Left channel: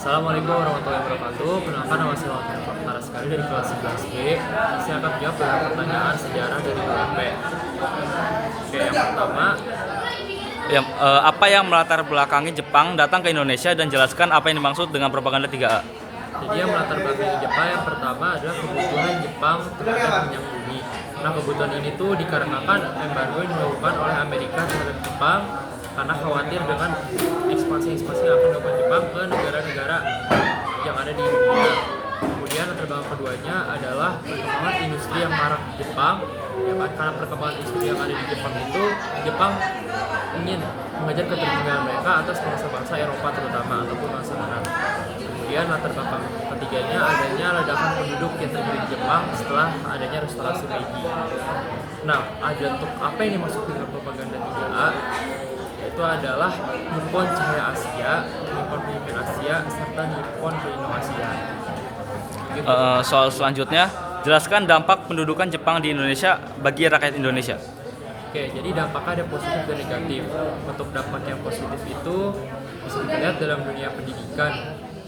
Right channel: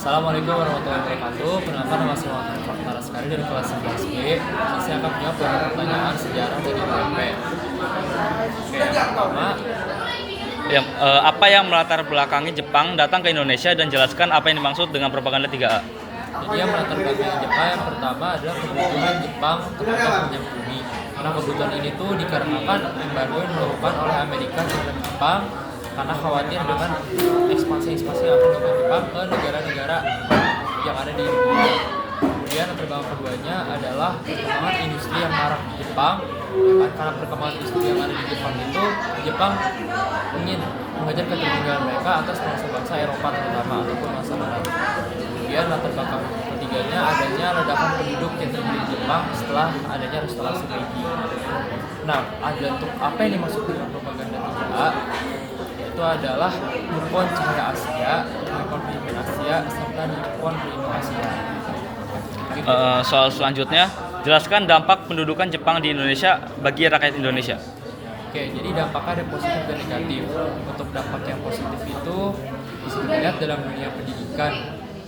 Assalamualaikum warahmatullahi wabarakatuh. Kenalkan, nama saya Muhammad Farhan sekali dari kelas 11B. Saya akan menjawab beberapa pertanyaan sejarah dari UMP. Oke, yang pertama, Apa yang melatar belakangi Jepang datang ke Indonesia dan jelaskan apa yang dimaksud dengan propaganda 3A? jadi yang melatar belakangi Jepang yang pertama adalah kebutuhan Jepang terhadap minyak bumi. Nah, kebutuhan ini tuh dikarenakan embargo yang dilakukan oleh Amerika terhadap Jepang karena khawatir dengan ekspansi yang akan dilakukan Jepang ke negara-negara yang ada di dunia. Kemudian latar belakang keduanya adalah perkembangan industri yang marak di Jepang. Ya kan, karena perkembangan industri yang ada di Jepang itu, Jepang ingin mengajar ketertinggalan mereka atas bangsa-bangsa Eropa terutama ataupun bangsa Arab. Kemudian latar belakang ketiganya adanya ledakan penduduk yang terjadi di Jepang setelah adanya restorasi Meiji. Nah, ada untuk apa yang dimaksud dengan propaganda 3A? Yaitu adalah Nippon Cahaya Asia, Nippon Pemimpin Asia, serta Nippon Pelindung Asia. Gitu. Soal selanjutnya, jelaskan dampak pendudukan Jepang di Indonesia bagi rakyat Indonesia. Oke, jadi dampaknya ada positif dan negatif. Untuk dampak yang positif itu bisa dilihat dalam dunia pendidikan,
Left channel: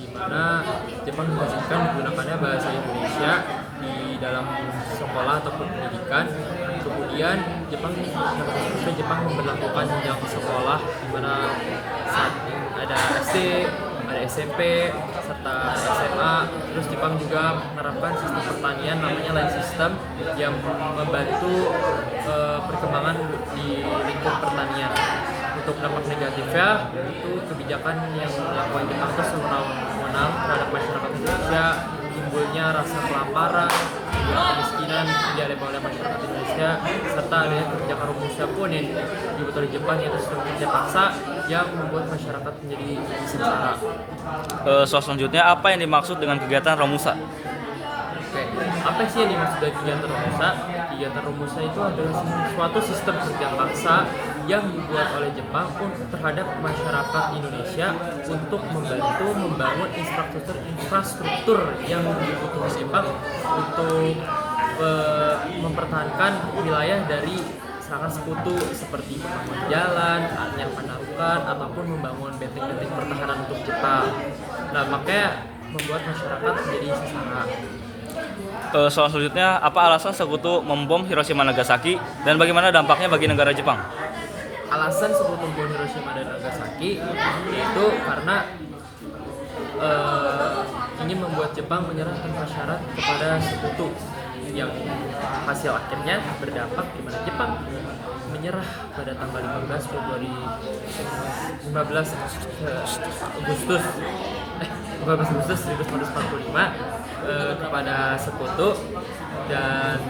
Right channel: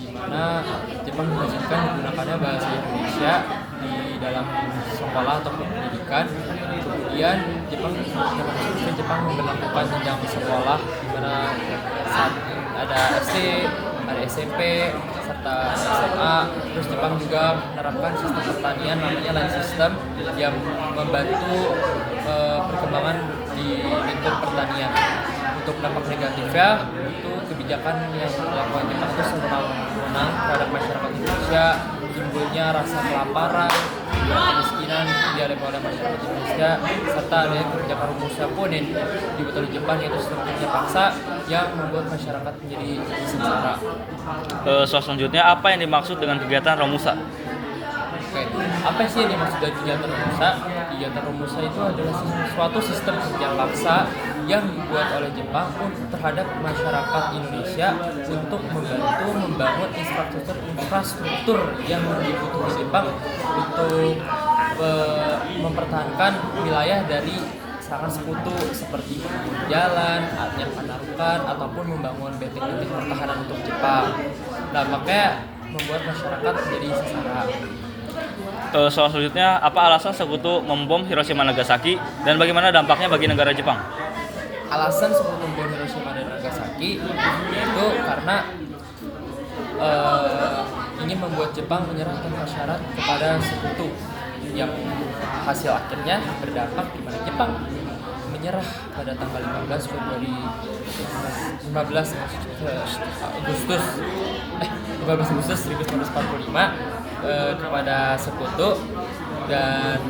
di mana Jepang mengajarkan digunakannya bahasa Indonesia di dalam sekolah ataupun pendidikan. Kemudian Jepang memberlakukan jenjang sekolah, di mana saat ada SD, ada SMP, serta SMA. Terus Jepang juga menerapkan sistem pertanian namanya land system yang membantu perkembangan di lingkup pertanian. Untuk dampak negatifnya itu kebijakan yang dilakukan Jepang itu sewenang-wenang terhadap masyarakat Indonesia, timbulnya rasa kelaparan, kemiskinan yang dialami oleh masyarakat Indonesia, serta adanya kebijakan Romusha pun yang dibuat oleh Jepang, yaitu sistem kerja paksa yang membuat masyarakat menjadi sengsara. Soal selanjutnya, apa yang dimaksud dengan kegiatan Romusha? Oke, apa sih yang dimaksud dengan kegiatan Romusha? Kegiatan Romusha itu adalah suatu sistem kerja paksa yang dibuat oleh Jepang terhadap masyarakat Indonesia untuk membantu membangun infrastruktur yang dibutuhkan Jepang untuk mempertahankan wilayah dari serangan sekutu seperti membangun jalan, yang penarukan, ataupun membangun benteng-benteng pertahanan untuk Jepang. Nah, makanya membuat masyarakat menjadi sengsara. Soal selanjutnya, apa alasan sekutu membom Hiroshima Nagasaki dan bagaimana dampaknya bagi negara Jepang? Alasan sekutu membom Hiroshima dan Nagasaki itu karena ingin membuat Jepang menyerahkan syarat kepada sekutu, yang hasil akhirnya berdampak di mana Jepang menyerah pada tanggal 15 Agustus 1945 kepada sekutu, dan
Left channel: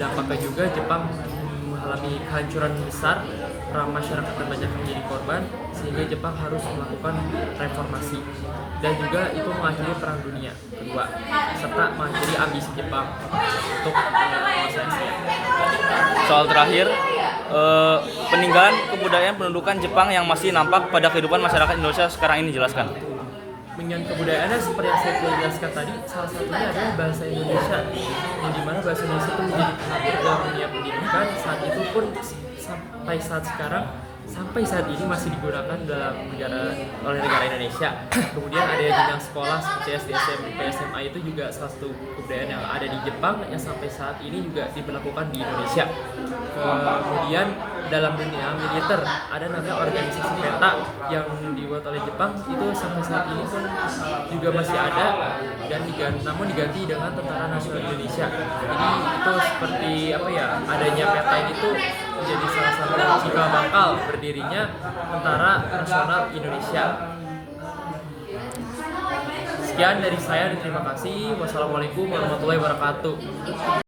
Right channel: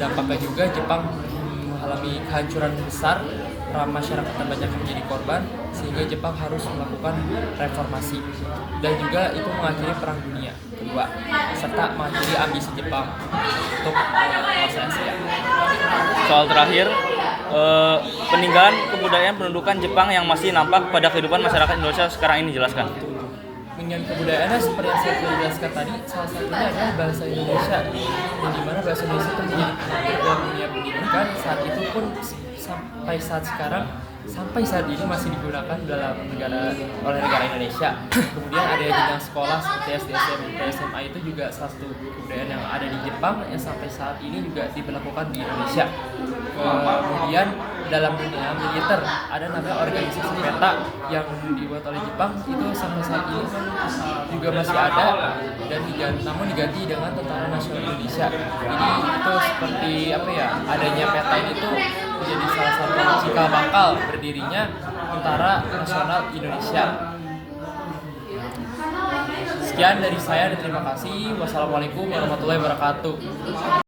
dampaknya juga Jepang mengalami kehancuran besar, masyarakat banyak menjadi korban, sehingga Jepang harus melakukan reformasi, dan juga itu mengakhiri Perang Dunia Kedua serta mengakhiri ambisi Jepang untuk menguasai Asia. Soal terakhir, peninggalan kebudayaan pendudukan Jepang yang masih nampak pada kehidupan masyarakat Indonesia sekarang ini, jelaskan. Peninggalan kebudayaannya seperti yang saya sudah jelaskan tadi, salah satunya adalah bahasa Indonesia, yang dimana bahasa Indonesia itu menjadi penting dalam dunia pendidikan. Saat itu pun sampai saat ini masih digunakan oleh negara Indonesia. Kemudian ada jenjang sekolah seperti SD, SMP, SMA, itu juga salah satu kebudayaan yang ada di Jepang yang sampai saat ini juga diberlakukan di Indonesia. Kemudian dalam dunia militer ada namanya organisasi PETA yang dibuat oleh Jepang, itu sampai saat ini pun juga masih ada, dan namun diganti dengan Tentara Nasional Indonesia. Jadi itu seperti adanya PETA ini tuh menjadi salah satu cikal bakal berdirinya Tentara Nasional Indonesia. Sekian dari saya dan terima kasih. Wassalamualaikum warahmatullahi wabarakatuh.